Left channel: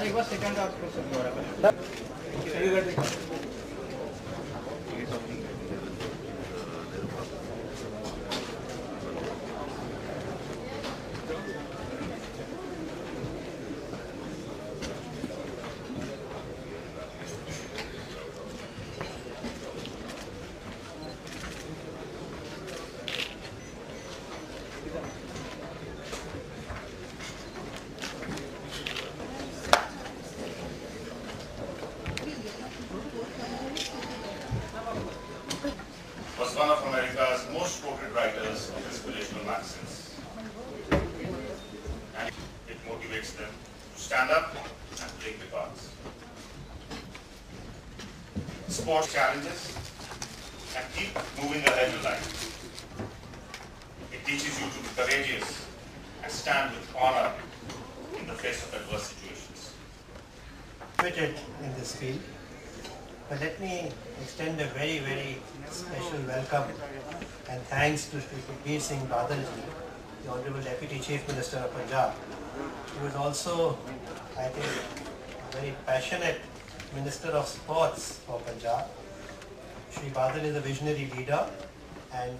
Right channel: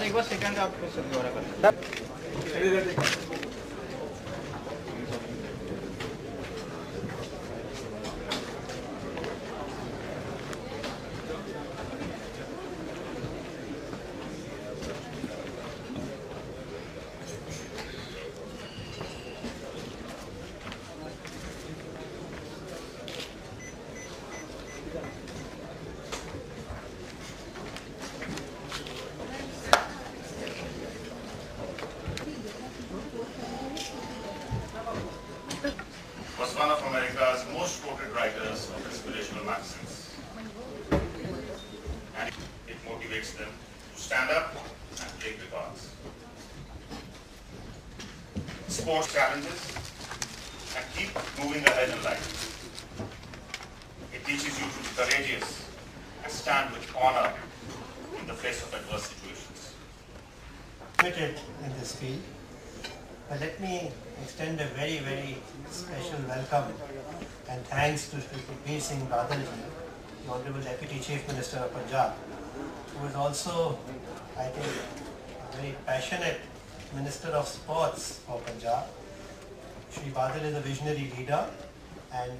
एक बार सेकंड आप question was one of America's most quoted writers of inspirational magazines. And it motivates them to stand up and play the cards. Sports challenges and keep moving ahead in life. It teaches you to be courageous and stand with honor in the face of adverse situations. Committed in this field. But let me extend a very, very special welcome and thanks to Sukhbir Singh Badal, the Honorable Deputy Chief Minister of Punjab, who is also, I think, a very passionate Minister of Sports for Punjab. Shri Badal is a visionary leader, and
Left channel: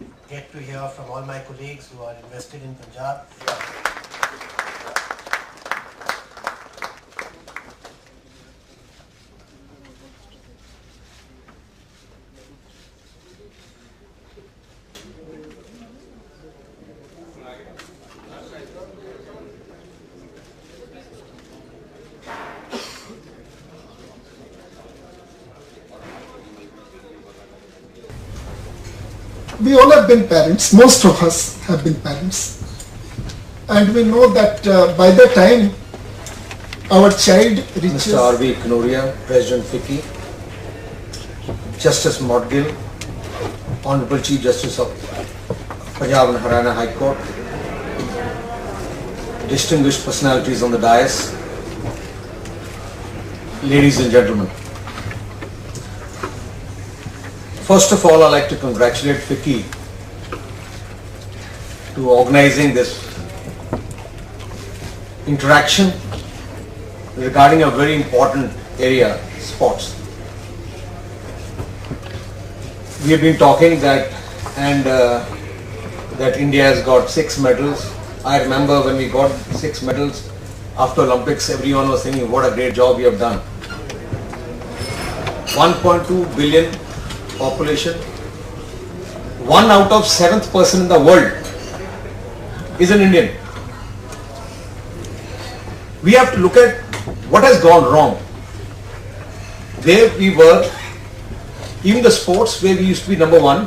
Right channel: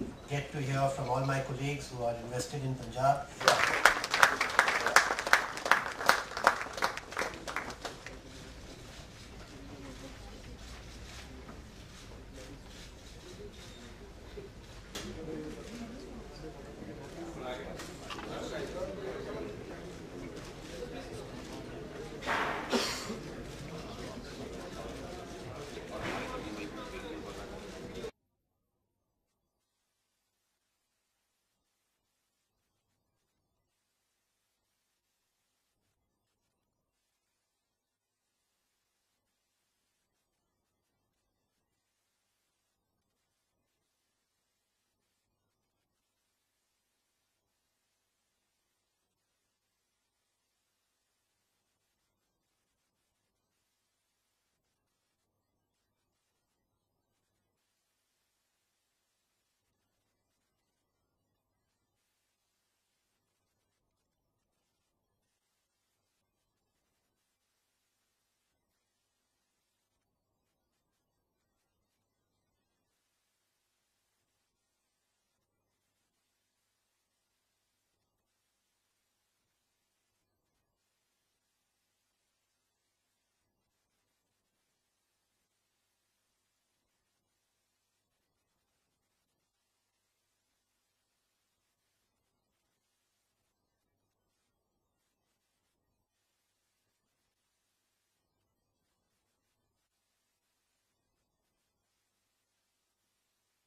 I get to hear from all my colleagues who are invested in Punjab. We all have been parents, most of us have been parents, and we know that by the time our child reaches... Mr. R.V. Kanoria, President FICCI, Justice Modgill, Honorable Chief Justice of Punjab and Haryana High Court, distinguished personalities on the dais, ladies and gentlemen. First of all, I'd like to congratulate FICCI to organizing this interaction regarding a very important area, sports. We have been talking that that India has got 6 medals. I remember when we got 6 medals after Olympics, everyone was thinking what a great job we have done. 1.2 billion population, 1 out of 7th person in the world is an Indian. We have to look at what has gone wrong. Where we were, even the sports where we used to be number 1,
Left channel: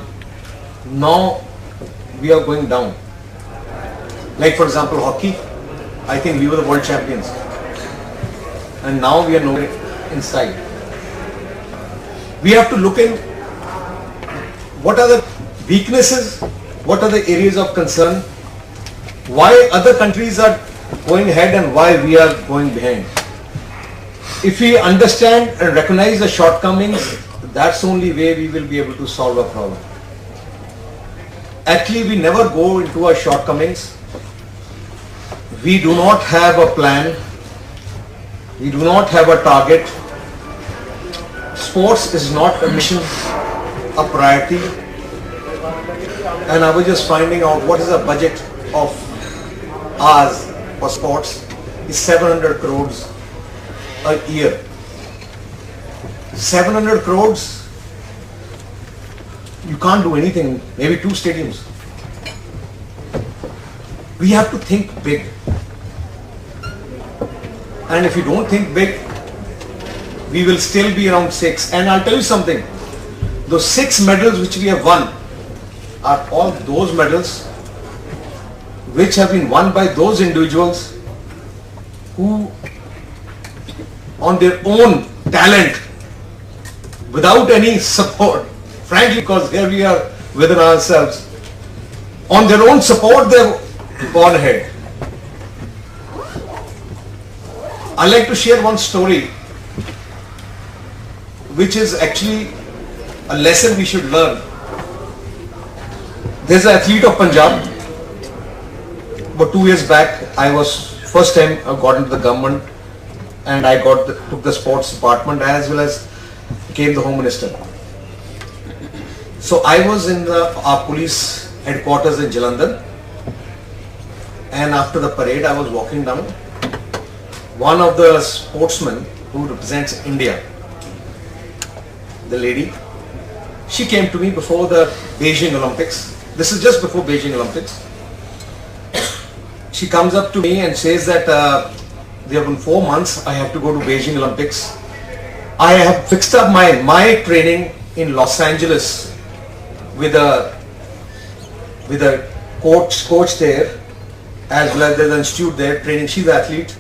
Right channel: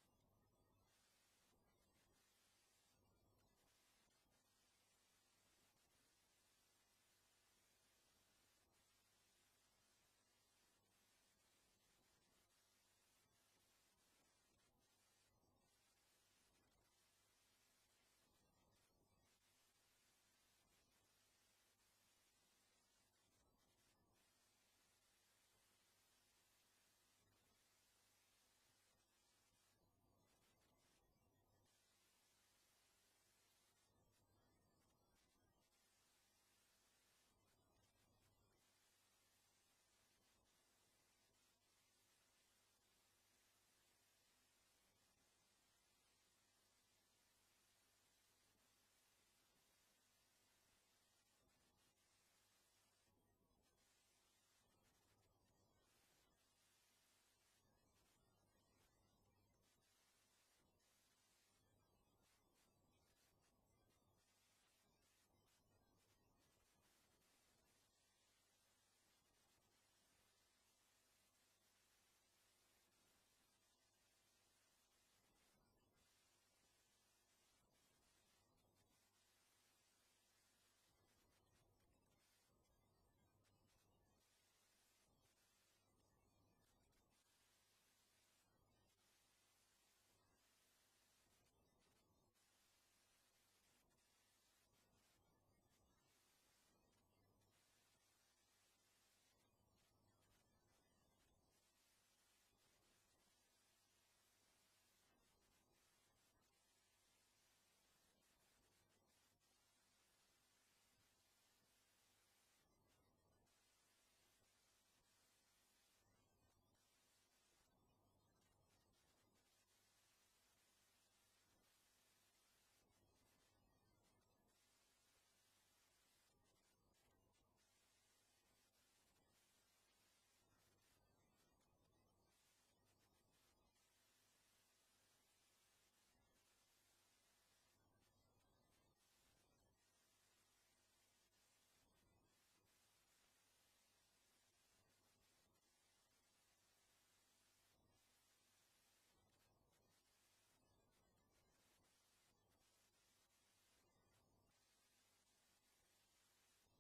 now we are going down. Like for example hockey, I think we were the world champions, and now we are nowhere inside. We have to look in what are the weaknesses, what are the areas of concern, why other countries are going ahead and why we are going behind. If we understand and recognize the shortcomings, that's the only way we will be able to solve a problem. Actually, we never go into our shortcomings. We do not have a plan. We do not have a target. Sports is not a mission, a priority. And I was just finding out what is the budget of ours for sports is 700 crores a year. 700 crores, you can't do anything, maybe 2 stadiums. We have to think big. And if you don't think big, we will still be around 6. And I'll tell you something, those 6 medals which we have won are all those medals which have been won by those individuals who on their own talent, without any support, frankly, because here we are within ourselves, on their own support they have gone ahead. I'd like to share one story which is actually a lesson we should learn. There's an athlete of Punjab. About 2 years back, I was first time I got into the government, and I took the sports department as well as became the Home Minister. So I was in our police headquarters in Jalandhar, and after the parade I was walking down. One of the sportsmen who represents India, the lady, she came to me before the Beijing Olympics. This is just before Beijing Olympics. She comes up to me and says that there have been 4 months I have to go to Beijing Olympics. I have fixed up my training in Los Angeles with a coach there, as well as there's an institute there training. She's an athlete,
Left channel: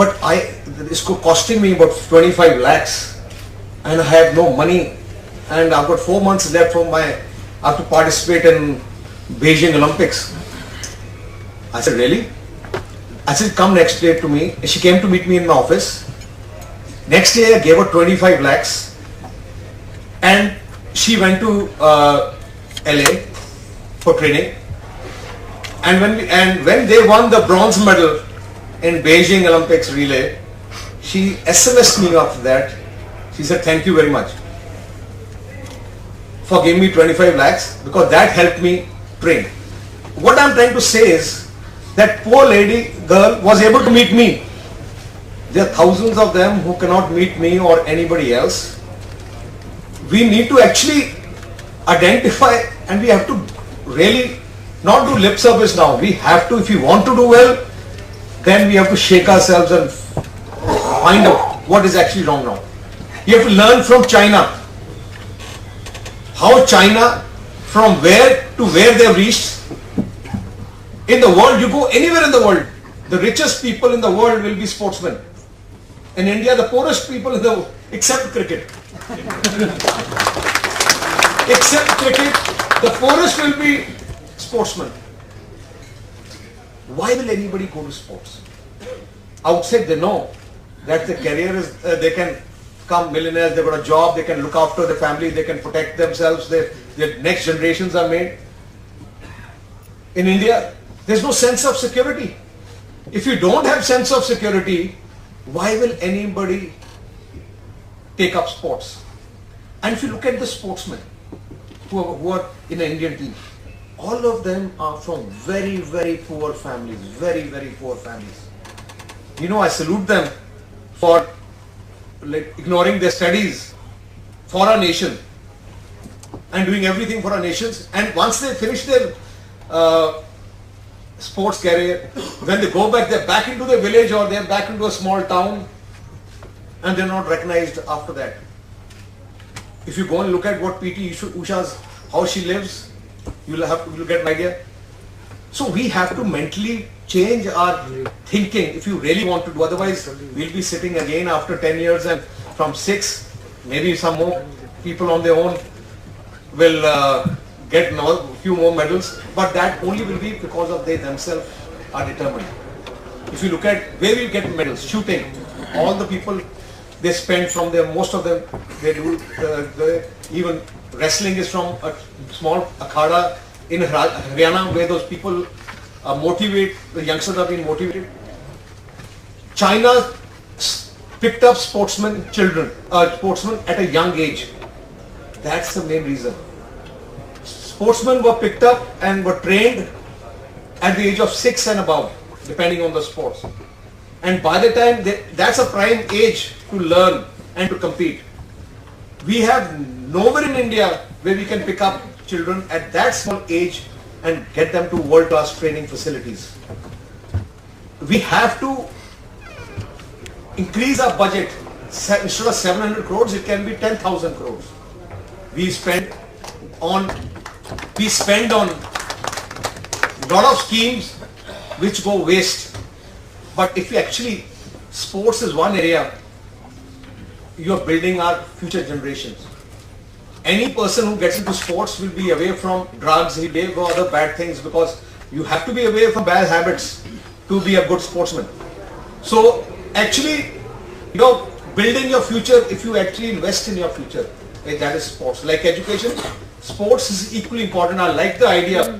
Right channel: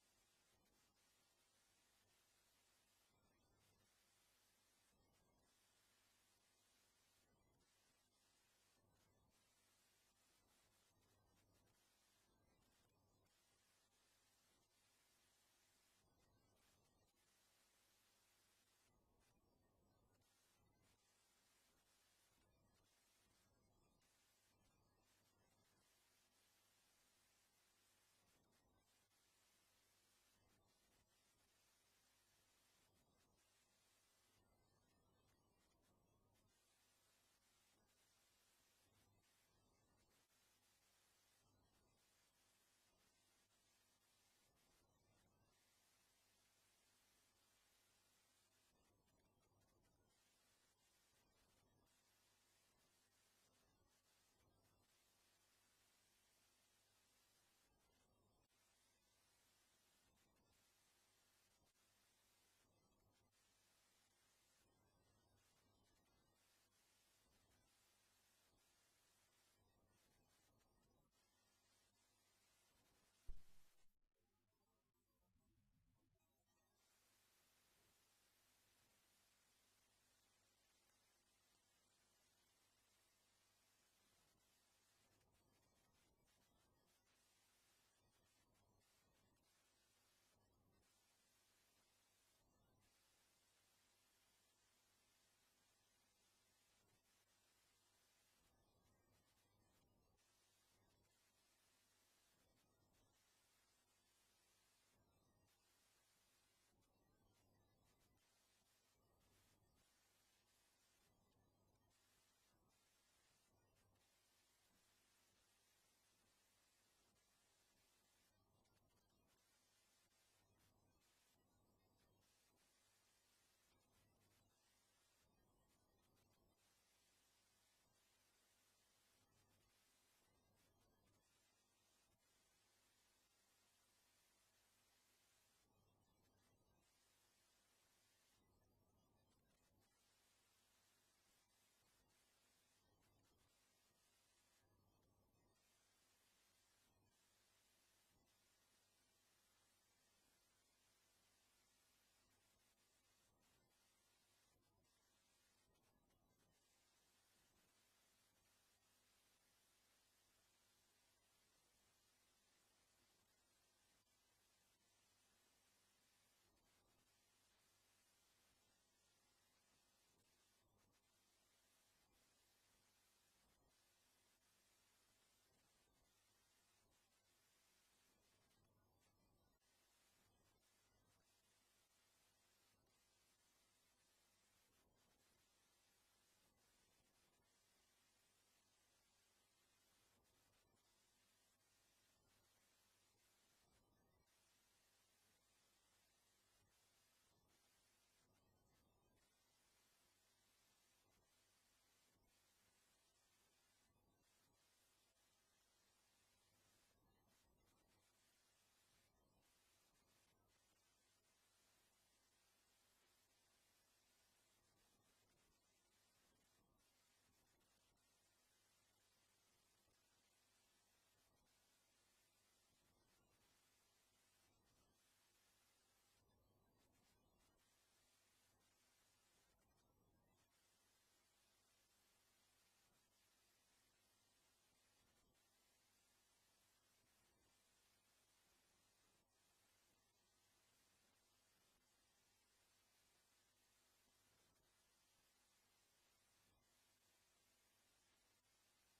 but it's costing me about 25 lakhs, and I have no money, and I've got 4 months left I have to participate in Beijing Olympics. I said, really? I said, come next day to me. She came to meet me in my office. Next day I gave her 25 lakhs, and she went to LA for training. And when they won the bronze medal in Beijing Olympics relay, she SMS'd me after that. She said, thank you very much for giving me 25 lakhs, because that helped me train. What I'm trying to say is that poor girl was able to meet me. There are thousands of them who cannot meet me or anybody else. We need to actually identify, and we have to really not do lip service now. We have to, if you want to do well, then we have to shake ourselves and find out what is actually wrong now. You have to learn from China. How China, from where to where they have reached. In the world, you go anywhere in the world, the richest people in the world will be sportsmen. In India, the poorest people in the world, except cricket. Except cricket, the poorest will be sportsmen. Why will anybody go to sports? Outside they know that the career is, they can become millionaires, they've got a job, they can look after their family, they can protect themselves, their next generations are made. In India, there's no sense of security. If you don't have sense of security, why will anybody take up sports? And if you look at the sportsmen who are in the Indian team, all of them are from very, very poor families, very, very poor families. You know, I salute them for ignoring their studies for our nation and doing everything for our nations. And once they finish their sports career, when they go back, they're back into their village or they're back into a small town, and they're not recognized after that. If you go and look at what PT Usha's, how she lives, you'll get an idea. So we have to mentally change our thinking if you really want to do. Otherwise, we'll be sitting again after 10 years, and from 6, maybe some more people on their own will get a few more medals, but that only will be because of they themselves are determined. If you look at where we get medals, shooting, all the people they spend from there, most of them, they do, even wrestling is from a small akhada in Haryana, where those people motivate, the youngsters are being motivated. China picked up sportsmen at a young age. That's the main reason. Sportsmen were picked up and were trained at the age of 6 and above, depending on the sports. And by the time, that's a prime age to learn and to compete. We have nowhere in India where we can pick up children at that small age and get them to world-class training facilities. We have to increase our budget. Instead of 700 crores, it can be 10,000 crores. We spend on a lot of schemes which go waste. But if you actually, sports is one area, you are building our future generations. Any person who gets into sports will be away from drugs, he'll be away from other bad things, because you have to be away from bad habits to be a good sportsman. So actually, building your future, if you actually invest in your future, that is sports. Like education, sports is equally important. I like the idea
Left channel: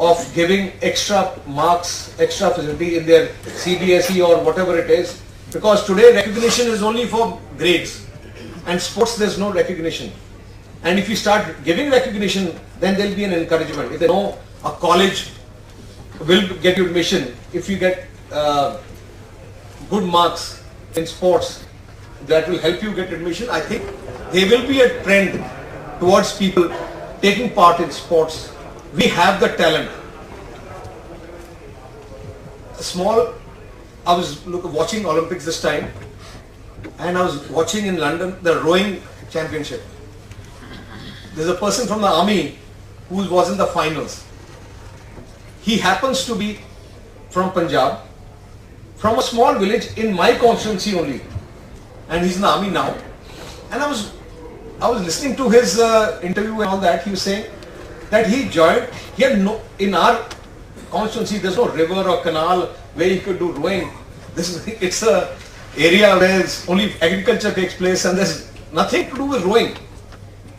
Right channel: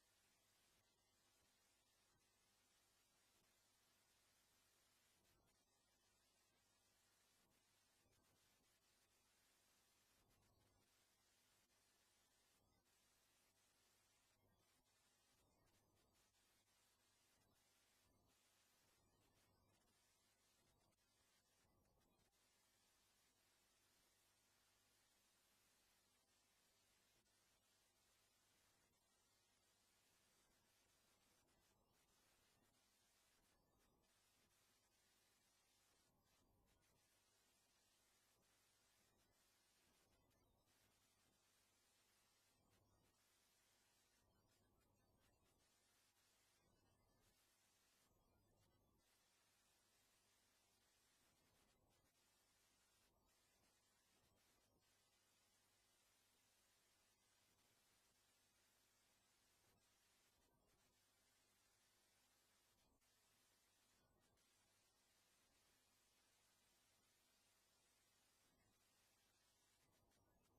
of giving extra marks, extra facility in their CBSE or whatever it is, because today recognition is only for grades and sports there's no recognition. And if you start giving recognition, then there'll be an encouragement. If they know a college will get you admission, if you get good marks in sports, that will help you get admission. I think there will be a trend towards people taking part in sports. We have the talent. I was watching Olympics this time, and I was watching in London the rowing championship. There's a person from the army who was in the finals. He happens to be from Punjab, from a small village in my constituency only, and he's in the army now. And I was listening to his interview and all that. He was saying that he joined. He had no, in our constituency there's no river or canal where he could do rowing. It's a area where only agriculture takes place and there's nothing to do with rowing.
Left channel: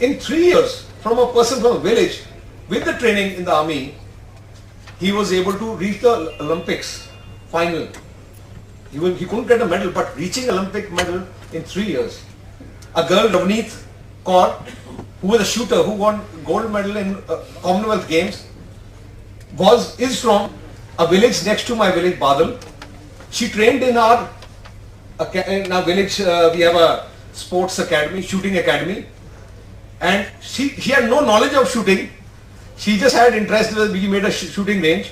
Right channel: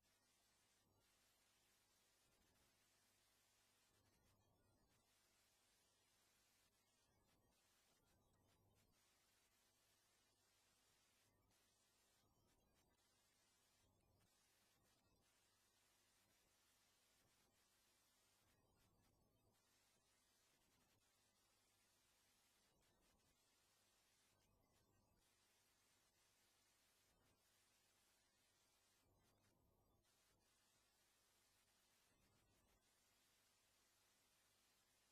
In 3 years, from a person from a village, with the training in the army, he was able to reach the Olympics final. He couldn't get a medal, but reaching Olympic medal in 3 years. A girl, Ravneet Kaur, who was a shooter, who won gold medal in Commonwealth Games, is from a village next to my village, Badal. She trained in our village. We have a sports academy, shooting academy, and she had no knowledge of shooting. She just had interest. We made a shooting range.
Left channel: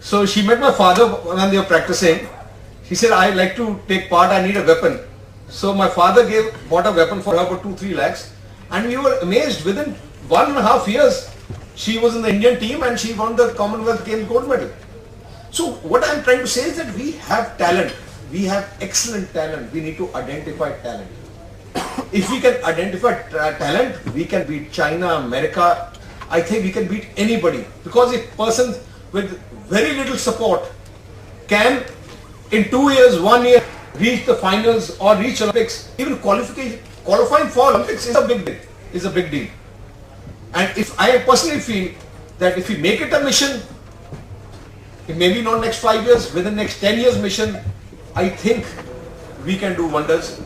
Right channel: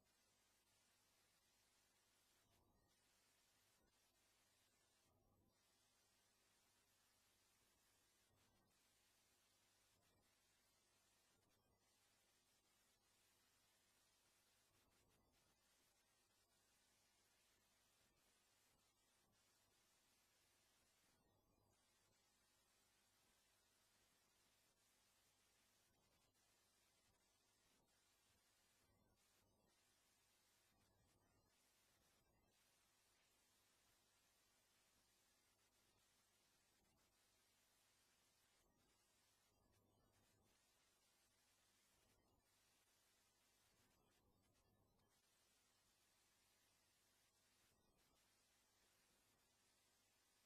So she met my father when they were practicing. She said, "I like to take part. I need a weapon." So my father bought a weapon for her for 2-3 lakhs, and we were amazed. Within 1.5 years, she was in the Indian team and she won the Commonwealth Games gold medal. So what I'm trying to say is that we have talent. We have excellent talent. We need to identify talent. If we can identify talent, we can beat China, America. I think we can beat anybody, because if persons with very little support can in 2 years, 1 year reach the finals or reach Olympics, even qualifying for Olympics is a big deal. And if I personally feel that if we make it a mission, maybe not next 5 years, within next 10 years mission, I think we can do wonders.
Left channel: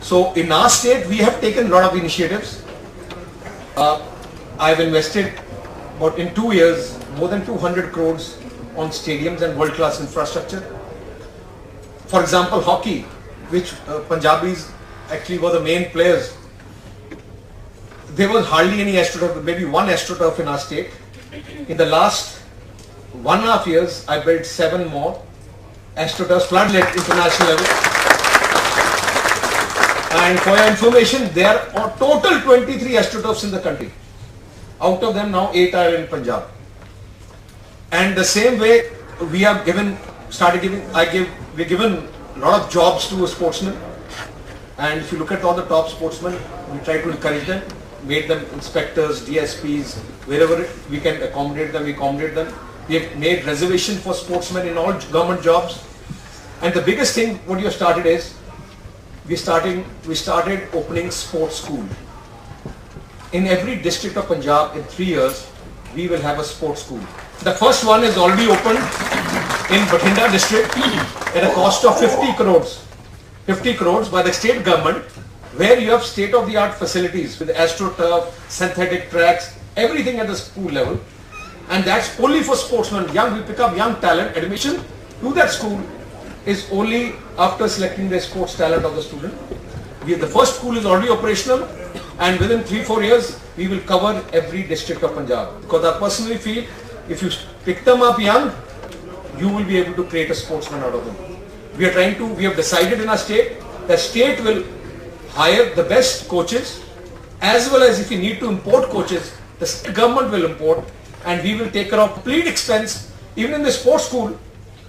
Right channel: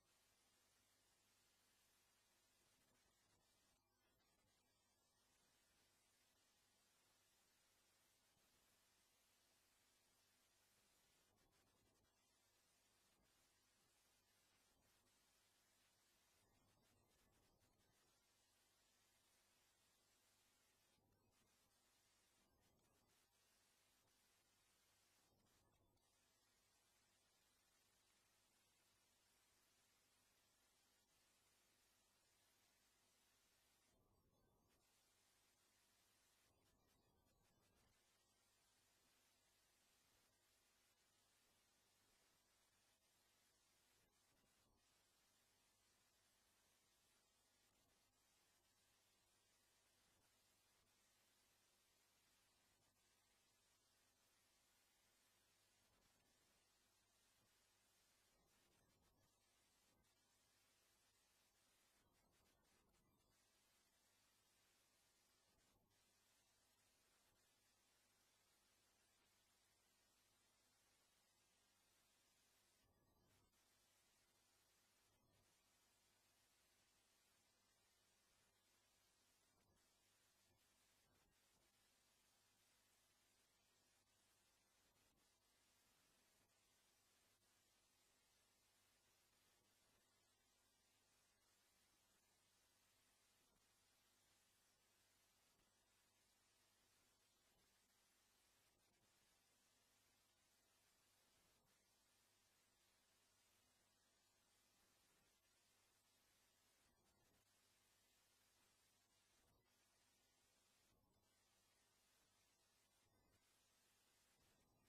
So in our state, we have taken a lot of initiatives. I've invested about in 2 years more than 200 crores on stadiums and world-class infrastructure. For example, hockey, which Punjabis actually were the main players. There was hardly any AstroTurf, maybe one AstroTurf in our state. In the last 1.5 years, I built 7 more AstroTurfs, floodlit international level. And for your information, there are total 23 AstroTurfs in the country. Out of them now 8 are in Punjab. And the same way we have given a lot of jobs to sportsmen. And if you look at all the top sportsmen, we try to encourage them, made them inspectors, DSPs, wherever we can accommodate them, we accommodate them. We have made reservation for sportsmen in all government jobs. And the biggest thing what you have started is, we started opening sports school. In every district of Punjab in 3 years, we will have a sports school. The first one is already opened in Bathinda district at a cost of 50 crores. 50 crores by the state government, where you have state-of-the-art facilities with AstroTurf, synthetic tracks, everything at the school level. And that's only for sportsmen. We pick up young talent. Admission to that school is only after selecting the sports talent of the student. The first school is already operational, and within 3-4 years, we will cover every district of Punjab. Because I personally feel, if you pick them up young, you will be able to create a sportsman out of them. We have decided in our state that state will hire the best coaches, as well as if we need to import coaches, the state government will import, and we will take care of complete expense. Even in the sports school,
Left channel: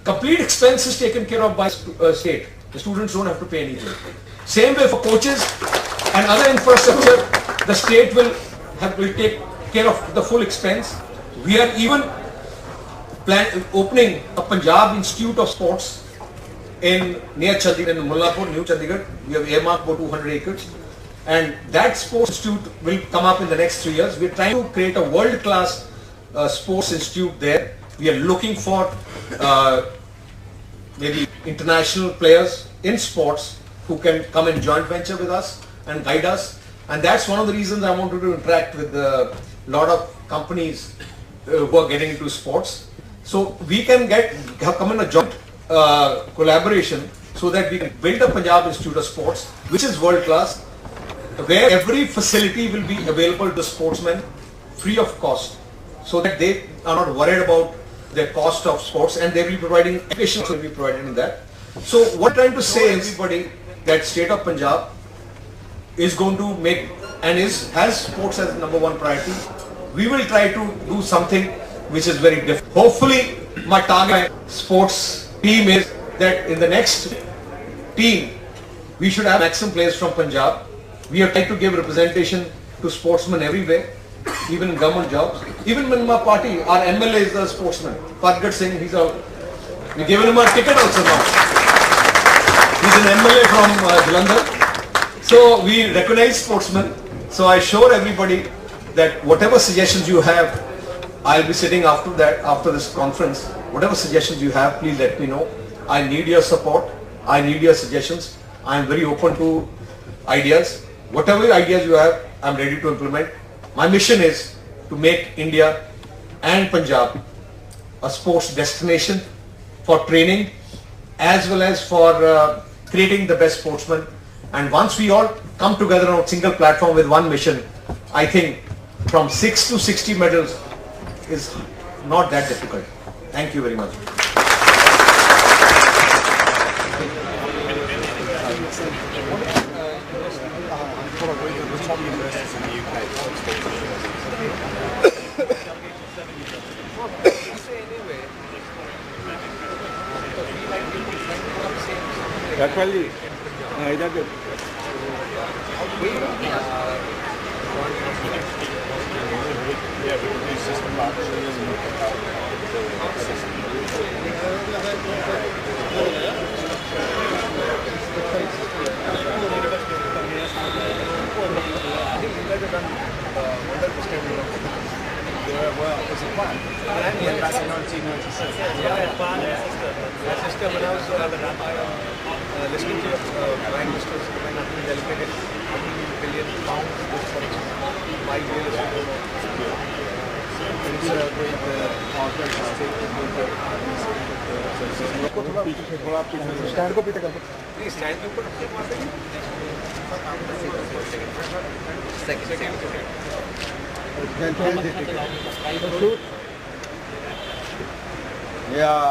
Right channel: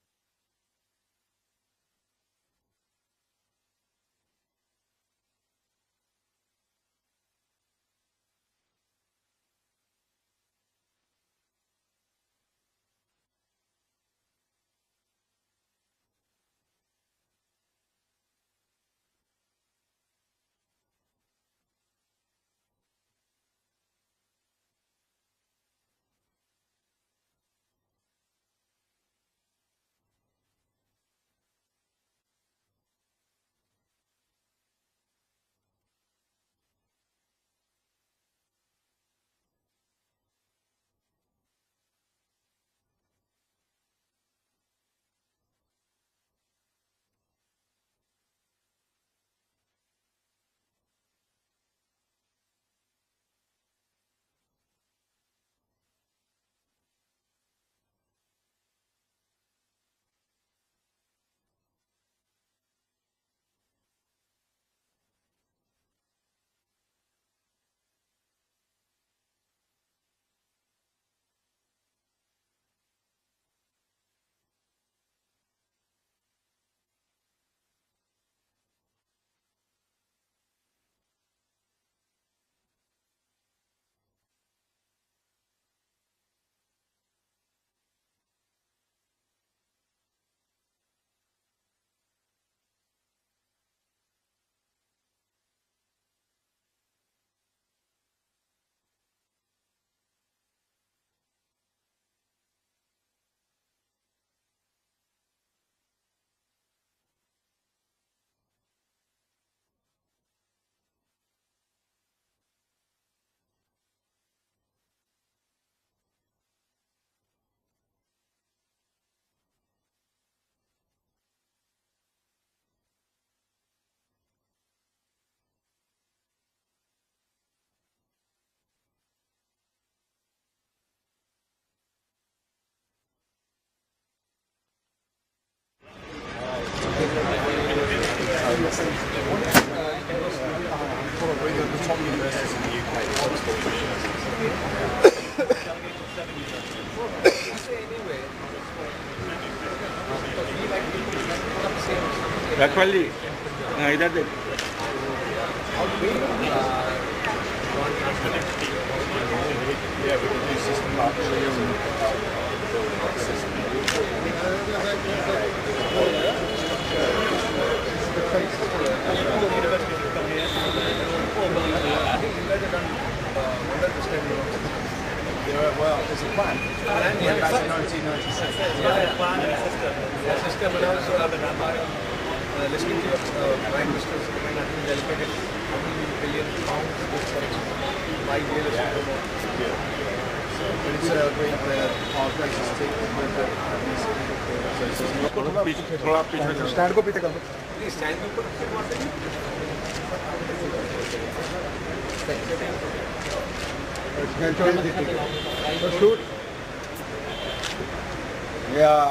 complete expense is taken care of by state. The students don't have to pay anything. Same way for coaches and other infrastructure, the state will take care of the full expense. We are even opening a Punjab Institute of Sports near Chandigarh, in Mullapur, New Chandigarh. We have earmarked about 200 acres. And that sports institute will come up in the next 3 years. We are trying to create a world-class sports institute there. We are looking for maybe international players in sports who can come and joint venture with us and guide us. And that's one of the reasons I wanted to interact with a lot of companies who are getting into sports. So we can come in a joint collaboration so that we can build a Punjab Institute of Sports, which is world class, where every facility will be available to sportsmen free of cost, so that they are not worried about the cost of sports, and they will be providing education will be provided in that. So what I'm trying to say everybody that state of Punjab is going to make and has sports as number one priority. We will try to do something which is very different. Hopefully my target sports team is that in the next team we should have maximum players from Punjab. We have tried to give representation to sportsmen everywhere, even in government jobs. Even in my party, our MLA is a sportsman. Singh, we've given him a ticket also now. He's an MLA from Jalandhar. So we recognize sportsmen. So I assure everybody that whatever suggestions you have, I'll be sitting after this conference. Whatever suggestions you have, please let me know. I need your support. I need your suggestions. I am very open to ideas. Whatever ideas you have, I'm ready to implement. My mission is to make India and Punjab a sports destination for training as well as for creating the best sportsmen. And once we all come together on a single platform with one mission, I think from 6 to 60 medals is not that difficult. Thank you very much. Probably the top universities in the UK. Actually, either way. Yeah, we can do system partnerships and help building our system. I think you guys have done wonders this time. Well, there's a plan. Yeah, back in 1996. Yeah, plan and a system. When I was listening to your Prime Minister's when I think allocated £1 billion this for 5 years. It's a great great mistake. Stand को पीछे कर दो. Please stand के ऊपर रखिए वहाँ पे. Yeah.